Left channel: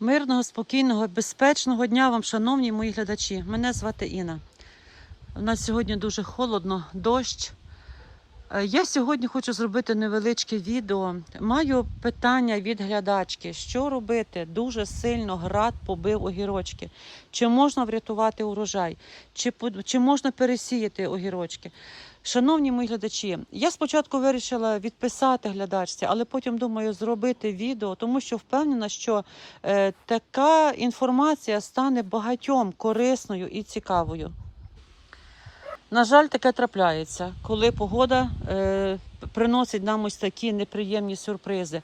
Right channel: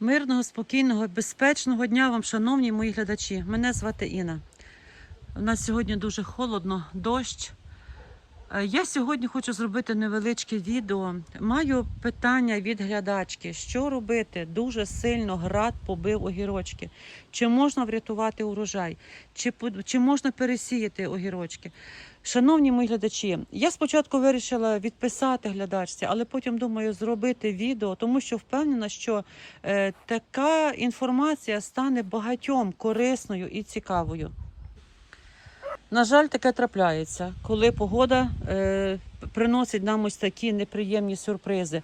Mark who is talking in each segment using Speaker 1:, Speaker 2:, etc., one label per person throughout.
Speaker 1: Мирного, спокійного, безпечного дня вам, шановні мої глядачі. Мене звати Інна. У нас сьогодні дуже холодно, дощ. Е, Я сьогодні хочу зробити невеличке відео. Маю питання від глядачки: що робити? Дуже сильно град побив огірочки. Чи можна врятувати урожай? Чи, чи можна пересіяти огірочки? Шановні мої глядачі, я спочатку вирішила відписати глядачці, але потім думаю зробити відео, тому що впевнена, що е, така інформація стане багатьом корисною і цікавою. На жаль, таке трапляється, коли погода е, приносить нам ось такі неприємні сюрпризи,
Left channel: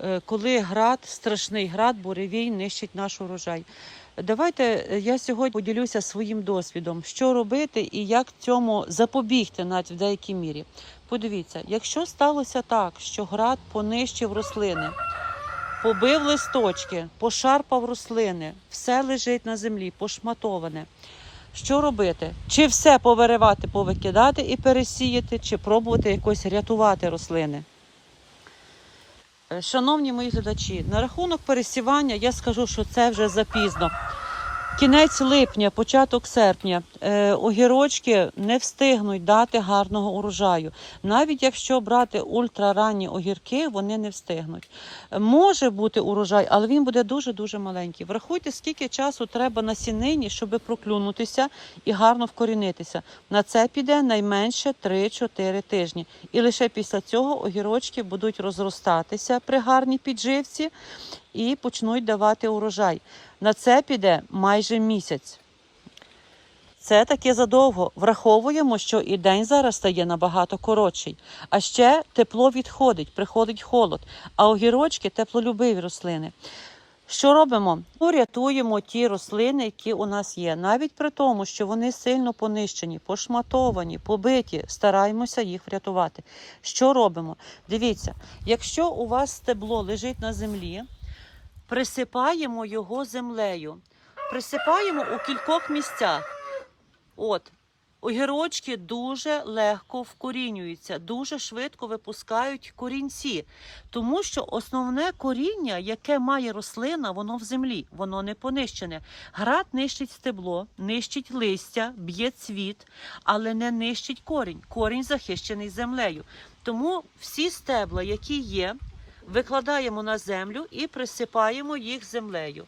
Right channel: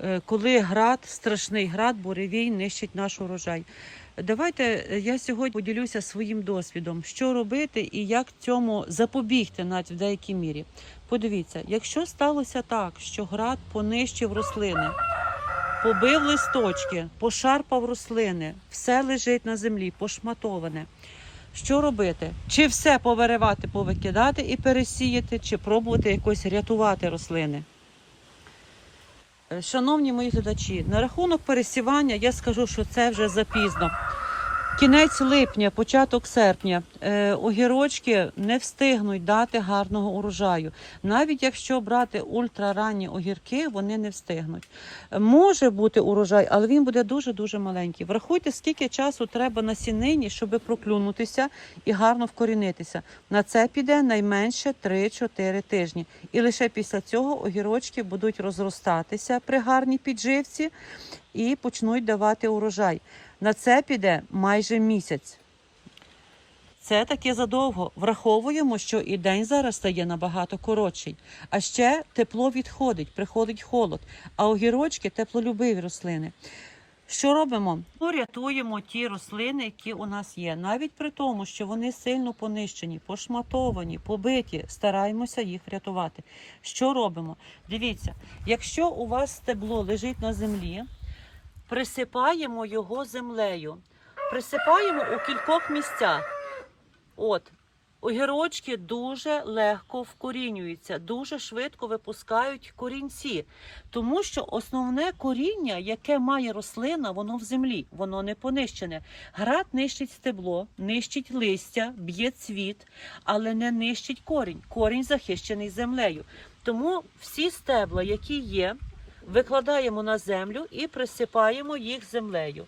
Speaker 1: е, коли град, страшний град, буревій нищить наш урожай. Давайте е, я сьогодні поділюся своїм досвідом, що робити і як цьому запобігти навіть в деякій мірі. Подивіться, якщо сталося так, що град понищив рослини, побив листочки, пошарпав рослини, все лежить на землі, пошматоване. Що робити? Чи все повиривати, повикидати і пересіяти, чи пробувати якось рятувати рослини? Е, Шановні мої глядачі, на рахунок пересівання я скажу, що це вже запізно. Кінець липня, початок серпня, е, огірочки не встигнуть дати гарного урожаю. Навіть якщо брати ультраранні огірки, вони не встигнуть. Може бути урожай, але він буде дуже-дуже маленький. Врахуйте, скільки часу треба на сінині, щоб проклюнутися і гарно вкорінитися. На це піде найменше 3-4 тижні. І лише після цього огірочки будуть розростатися при гарній підживці і почнуть давати урожай. На це піде майже місяць. Це таки задовго. Враховуємо, що і день зараз стає набагато коротший. А ще тепло відходить, приходить холод, а огірочки теплолюбиві рослини. Що робимо? Ну, рятуємо ті рослини, які у нас є. Навіть при тому, що вони сильно понищені, пошматовані, побиті, стараємося їх врятувати. Що робимо? Дивіться, якщо у вас стебло лежить на землі, присипаємо його землею. Присипаємо у кількох місцях. От, огірочки дуже легко вкорінюються, дуже швидко випускають корінці, тому що основне коріння, яке має рослина, воно в землі, воно не понищене. Град нищить стебло, нищить листя, б'є цвіт, але не нищить корінь. Корінь захищений землею. Тому всі стебла, які є, викладаємо на землю і присипаємо їх землею.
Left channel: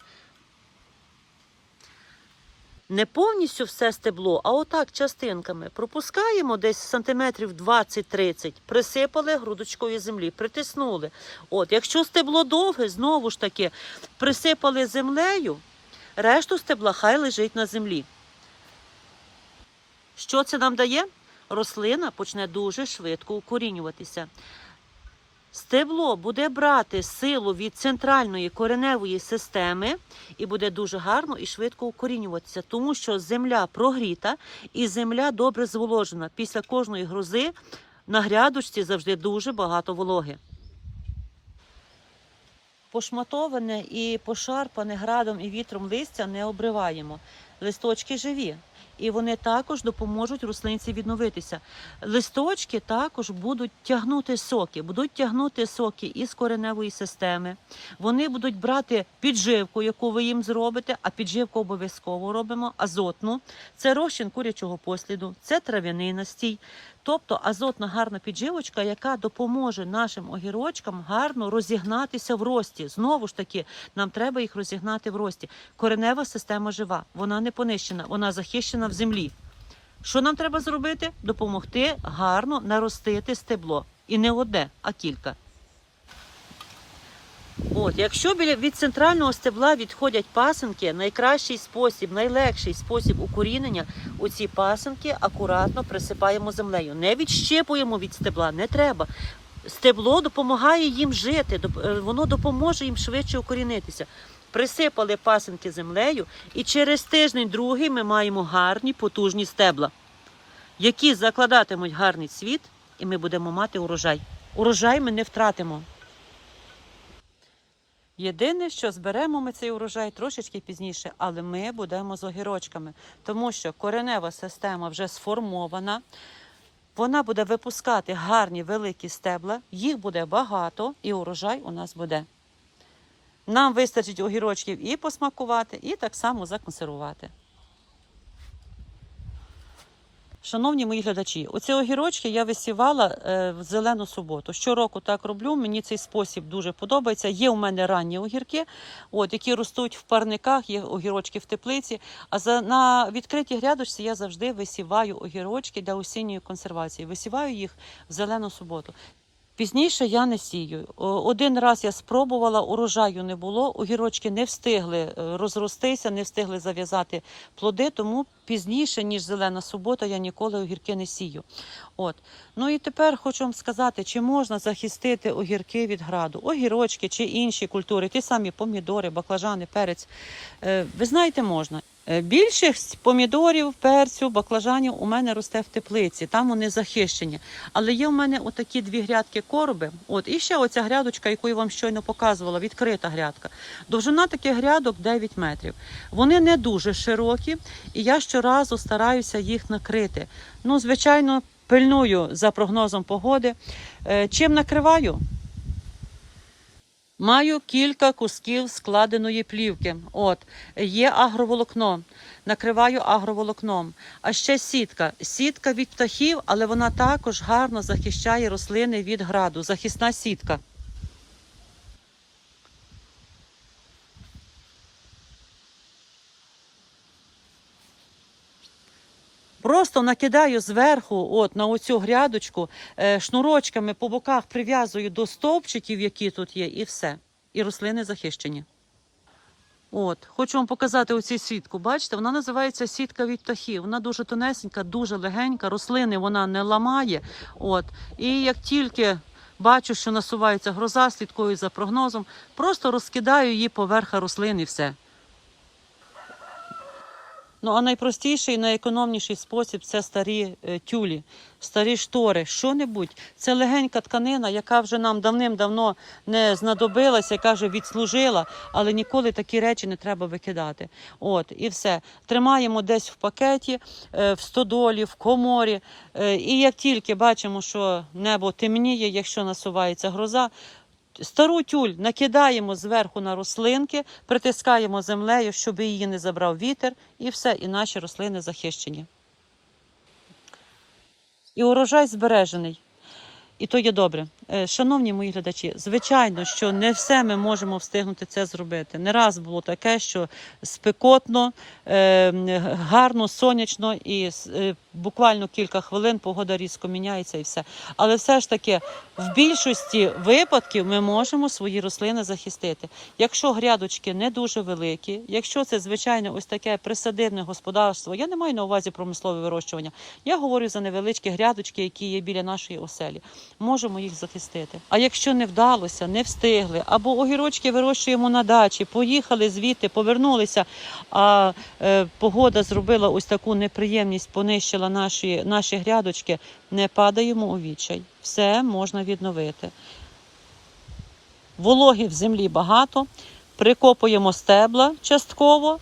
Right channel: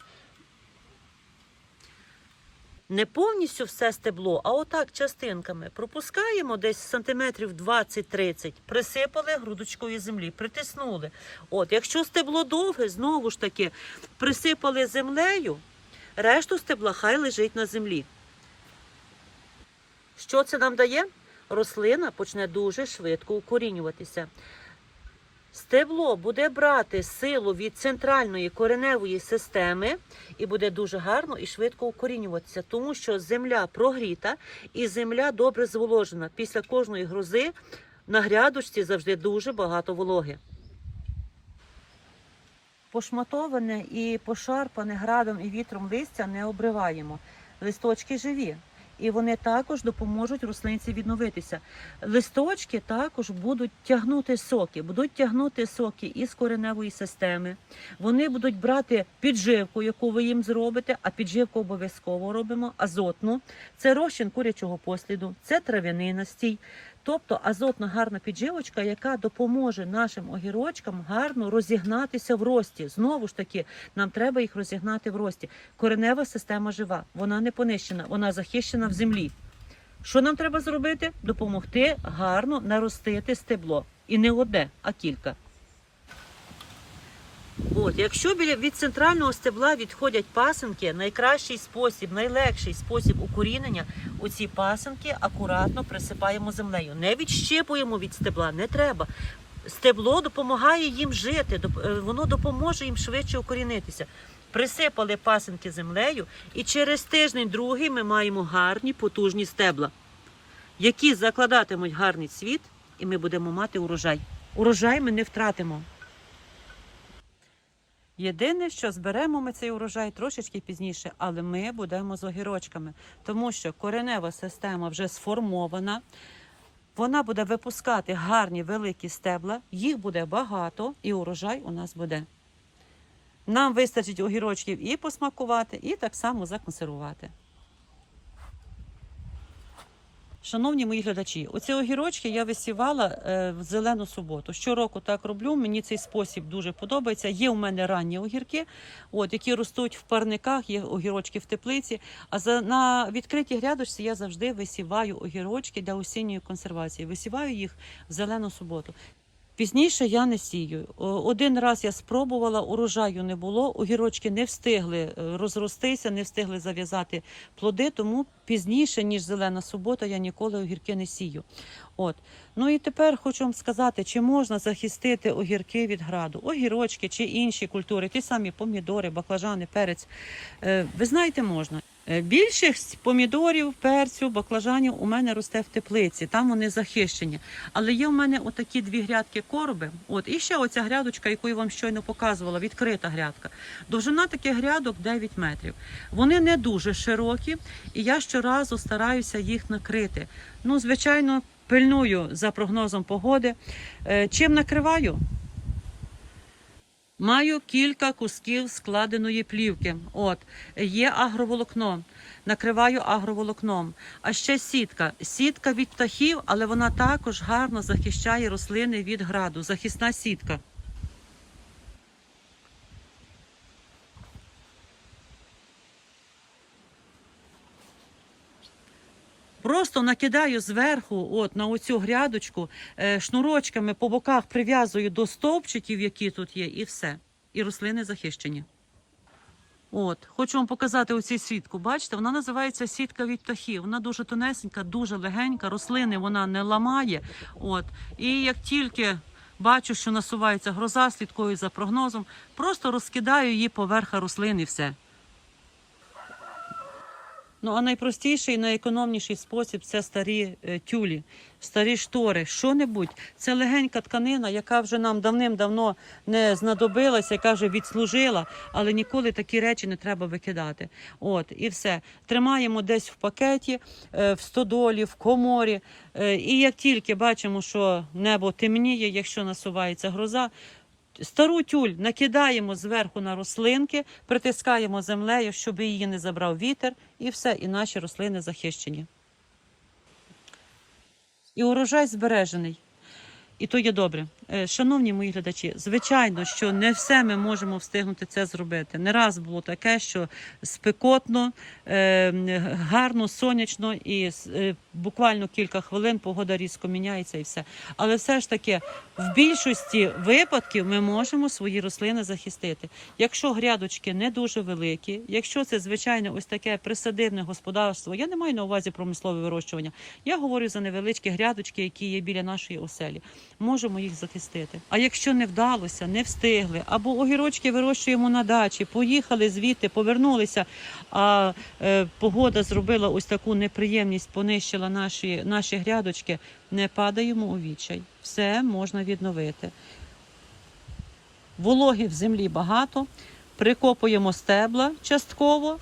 Speaker 1: Не повністю все стебло, а отак частинками. Пропускаємо десь сантиметрів 20-30, присипали грудочкою землі, притиснули. От, якщо стебло довге, знову ж таки, присипали землею, решту стебла хай лежить на землі. Що це нам дає? Рослина почне дуже швидко укорінюватися. Стебло буде брати силу від центральної кореневої системи і буде дуже гарно і швидко укорінюватися, тому що земля прогріта і земля добре зволожена. Після кожної грози на грядочці завжди дуже багато вологи. Пошматоване і пошарпане градом і вітром листя не обриваємо. Листочки живі. І вони також допоможуть рослинці відновитися. Листочки також будуть тягнути соки, будуть тягнути соки із кореневої системи. Вони будуть брати підживку, яку ви їм зробите, а підживку обов'язково робимо азотну. Це розчин курячого посліду, це трав'яний настій. Тобто азотна гарна підживочка, яка допоможе нашим огірочкам гарно розігнатися в рості. Знову ж таки, нам треба їх розігнати в рості. Коренева система жива, вона не понищена, вона захищена в землі. Що нам треба зробити? Допомогти гарно наростити стебло. І не одне, а кілька. От, якщо від центрального стебла відходять пасинки, найкращий спосіб, найлегший спосіб укорінення у ці пасинки акуратно присипаємо землею. Не відщипуємо від стебла, не треба. Стебло допомагає їм жити, е, воно допоможе їм швидше укорінитися. Присипали пасинки землею, і через тиждень другий ми маємо гарні потужні стебла, які закладатимуть гарний цвіт, і ми будемо мати урожай. Урожай ми не втратимо. Єдине, що зберемо ми цей урожай трошечки пізніше, але ми будемо з огірочками, тому що коренева система вже сформована. Вона буде випускати гарні великі стебла, їх буде багато, і урожай у нас буде. Нам вистачить огірочків і посмакувати, і так само законсервувати. Шановні мої глядачі, оці огірочки я висівала е, в зелену суботу. Щороку так роблю. Мені цей спосіб дуже подобається. Є у мене ранні огірки, от, які ростуть в парниках, є огірочки в теплиці. А за на відкритій грядочці я завжди висіваю огірочки для осінньої консервації. Висіваю їх в зелену суботу. Пізніше я не сію. Один раз я спробувала, урожаю не було, огірочки не встигли е, розростися, не встигли зав'язати плоди, тому пізніше, ніж зелена субота, я ніколи огірки не сію. От. Ну і тепер хочу вам сказати, чи можна захистити огірки від граду, огірочки чи інші культури, ті самі помідори, баклажани, перець. Е, Ви знаєте, можна. Е, Більшість помідорів, перцю, баклажанів у мене росте в теплиці, там вони захищені. Але є в мене отакі дві грядки короби. От і ще оця грядочка, яку я вам щойно показувала, відкрита грядка. Довжина таких грядок 9 метрів. Вони не дуже широкі, і я щоразу стараюся їх накрити. Ну, звичайно, пильную за прогнозом погоди. Е, Чим накриваю? Маю кілька кусків складеної плівки. От є агроволокно, накриваю агроволокном. А ще сітка. Сітка від птахів, але вона також гарно захищає рослини від граду. Захисна сітка. Просто накидаю зверху, от на оцю грядочку, е, шнурочками по боках прив'язую до стовпчиків, які тут є, і все. І рослини захищені. От, хочу вам показати оцю сітку. Бачите, вона називається сітка від птахів. Вона дуже тонесенька, дуже легенька. Рослини вона не ламає. От, і як тільки бачу, що насувається гроза, слідкую за прогнозом, просто розкидаю її поверха рослин і все. Ну а найпростіший і найекономніший спосіб це старі е, тюлі, старі штори, що-небудь. Це легенька тканина, яка вже нам давним-давно не знадобилася, яка вже відслужила, але ніколи такі речі не треба викидати. От і все. Тримаємо десь в пакеті, е, в стодолі, в коморі. Е, і як тільки бачимо, що небо темніє, якщо насувається гроза. Стару тюль накидаємо зверху на рослинки, притискаємо землею, щоб її не забрав вітер, і все, і наші рослини захищені. І урожай збережений. І то є добре. Е, Шановні мої глядачі, звичайно, що не все ми можемо встигнути це зробити. Не раз було таке, що спекотно, е, гарно, сонячно, і е, буквально кілька хвилин погода різко міняється і все. Але все ж таки, в більшості випадків ми можемо свої рослини захистити. Якщо грядочки не дуже великі, якщо це звичайно ось таке присадибне господарство, я не маю на увазі промислове вирощування. Я говорю за невеличкі грядочки, які є біля нашої оселі. Можемо їх захистити. А якщо не вдалося, не встигли, або огірочки вирощуємо на дачі, поїхали звідти, повернулися, а е, погода зробила ось таку неприємність, понищила наші, наші грядочки, не падаємо у відчай. Все можна відновити. Вологи в землі багато, прикопуємо стебла частково,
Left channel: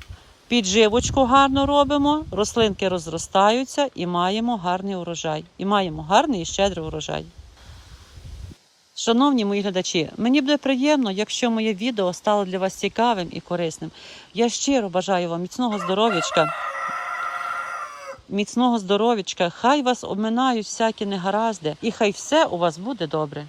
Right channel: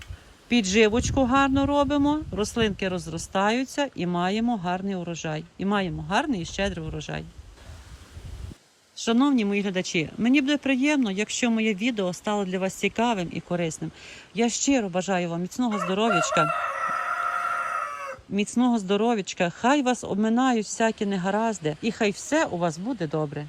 Speaker 1: підживочку гарно робимо, рослинки розростаються і маємо гарний урожай. І маємо гарний і щедрий урожай. Шановні мої глядачі, мені буде приємно, якщо моє відео стало для вас цікавим і корисним. Я щиро бажаю вам міцного здоров'ячка. Міцного здоров'ячка, хай вас обминають всякі негаразди, і хай все у вас буде добре.